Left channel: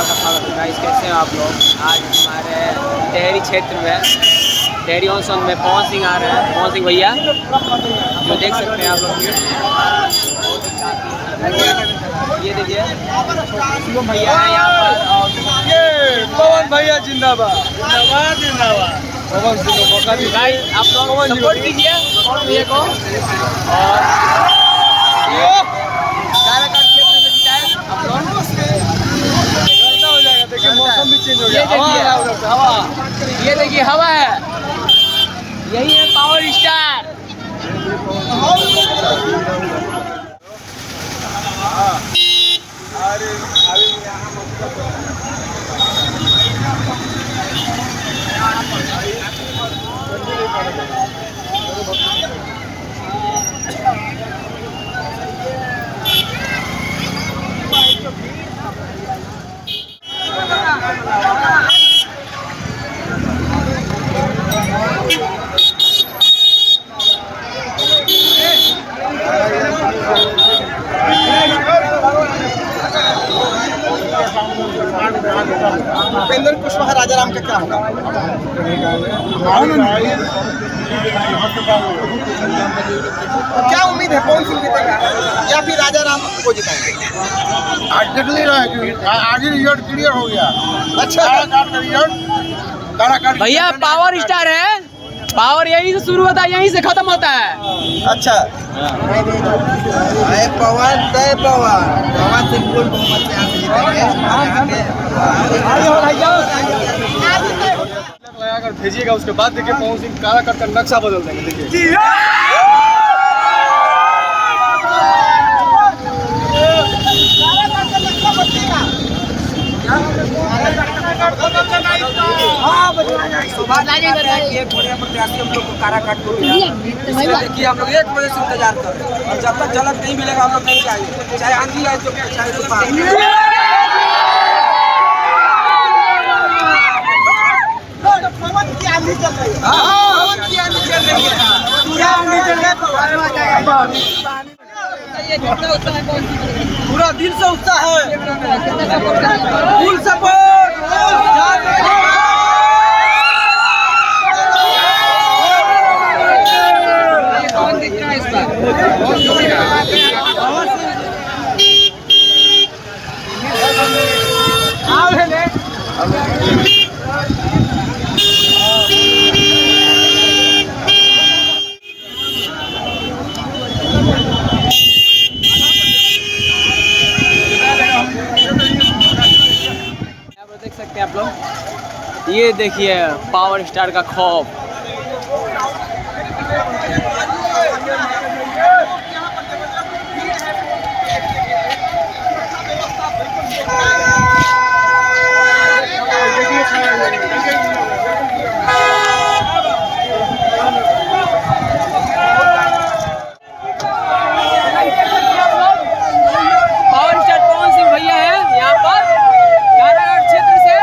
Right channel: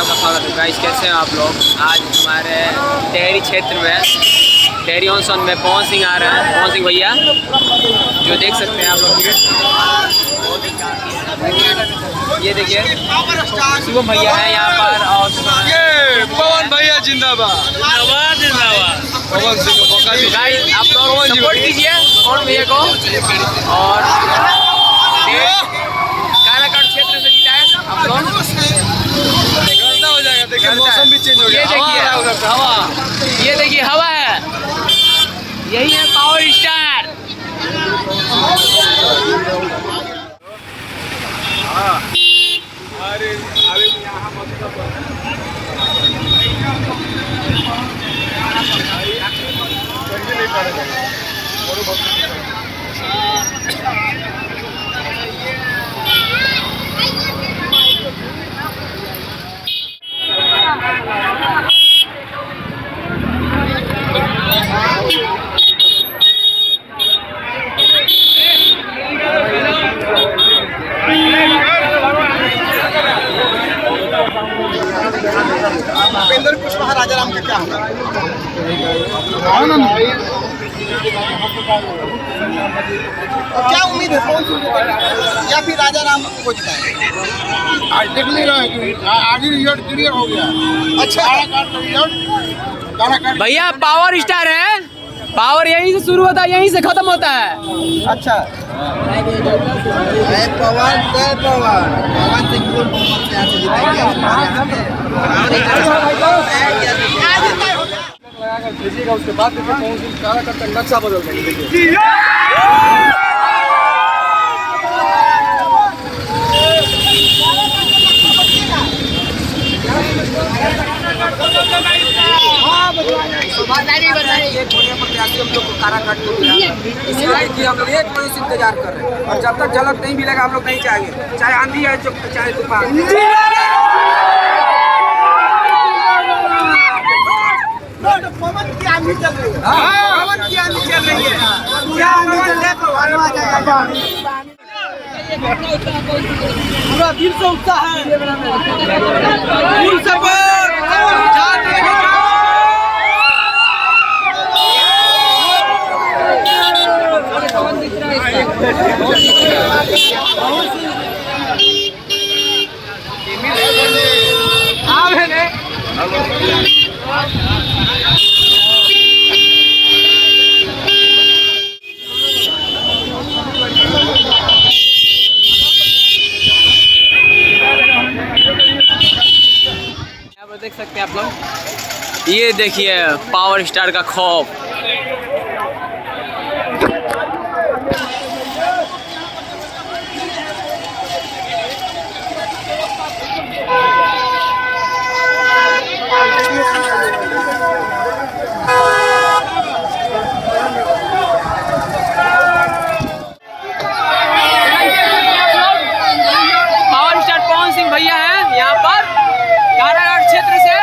आपका स्वागत है गाइस। कैसे हैं आप लोग? आज हमारे टेहरी क्षेत्र में टेहरी ऑनसन में पवन सिंह आ रहे हैं। पवन सिंह भैया जो देख सकते हैं आप लोग, ये देखिए शुभम भैया है यहाँ पर, और ये पवन भैया जिंदाबाद जिंदाबाद जिंदाबाद। पवन सिंह को मौका दीजिए। गाइस आप लोग सपोर्ट कीजिए पवन भैया को। और काराकाट क्षेत्र से जीता है आप लोग। गर्दा हो जाएगा, देखिए मौसम भी चेंज हो गया। ये देखिए हवा उधर से, हवा। ये देखिए हवा है, यही है पावर स्टार। उपेंद्र कुशवाहा राजा राम का क्या होगा? तो क्या उम्मीद है, पवन सिंह जीतेगा या फिर राजा राम को जिताएंगे? आज देख नहीं रहे कि आगे रिजल्ट क्लियर हो गया। अच्छा, काराकाट भैया पावर स्टार है, पावर यहीं से शुरू होता है, यहीं से खत्म होता है। अच्छा। जय पवन, जय पवन। पवन सिंह को बहुमत से यहाँ से जीतेंगे। लगाकर भेजिएगा, उसके बाद देखिए पवन सिंह काराकाट का नक्शा बदल देंगे। देखिए एक बढ़िया प्रत्याशी हम लोग को काराकाट को मिला, इसलिए देखिए हम लोग 1 बजे से इंतजार कर रहे हैं, और जब तक झलक नहीं मिलेगा हम लोग नहीं जाएंगे, चाहे आंधी आए तो चाहे तूफान। पवन की आंधी चल रही है, पवन की आंधी चल रही है, पूरा आंधी चल रहा है, तूफान आ जाएगा। पूरा दिल से उत्साह है, दिल से वोट जान देंगे। देख सकते हैं आप लोग, ये देखिए पावर स्टार का खौफ। पावर स्टार पवन सिंह भैया है यहाँ पर काराकाट क्षेत्र से।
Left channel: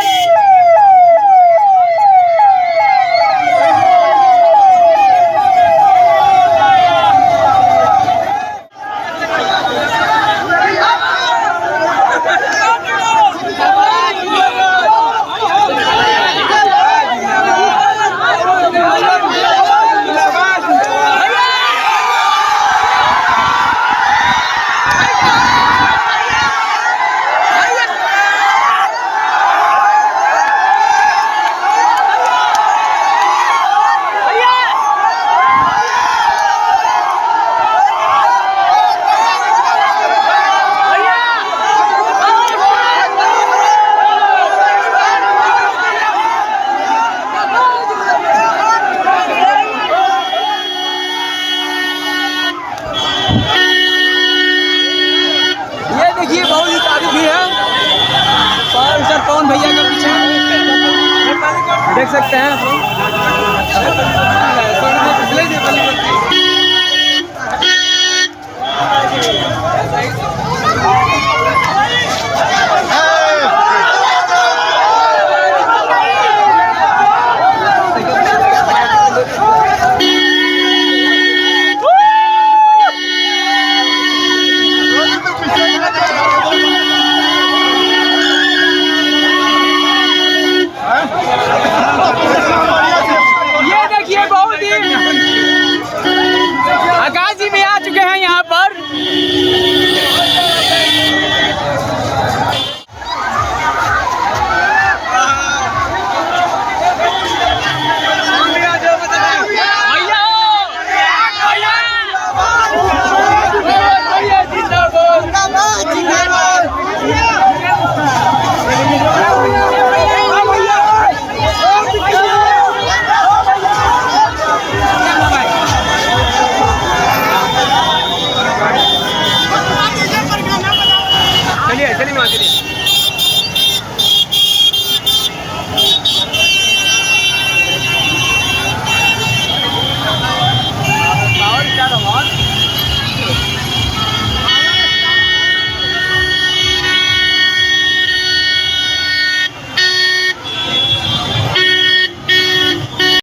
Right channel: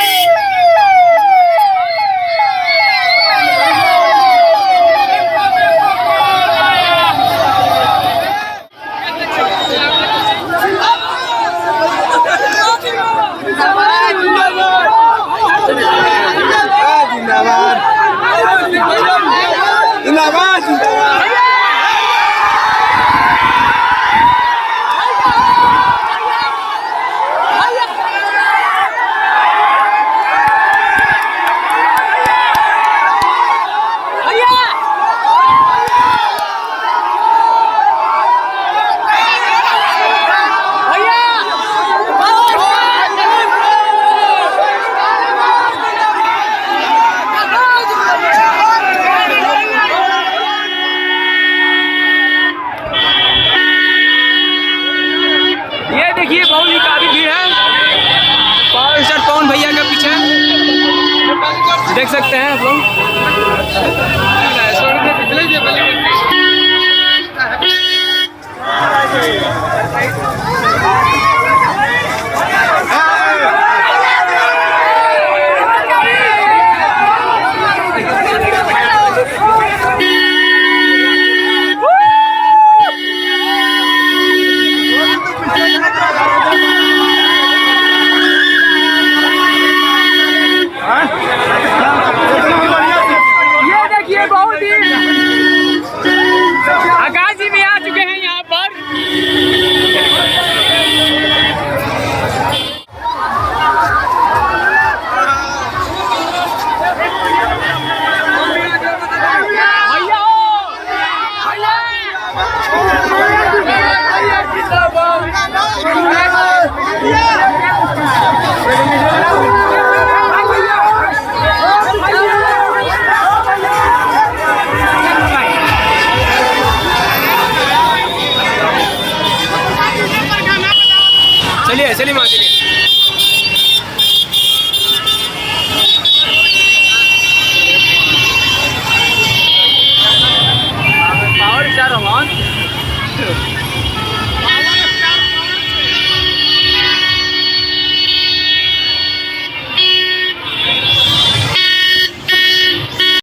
देखिए बहुत ही काफी भीड़ है पावर स्टार पवन भैया के पीछे, देख सकते हैं आप लोग।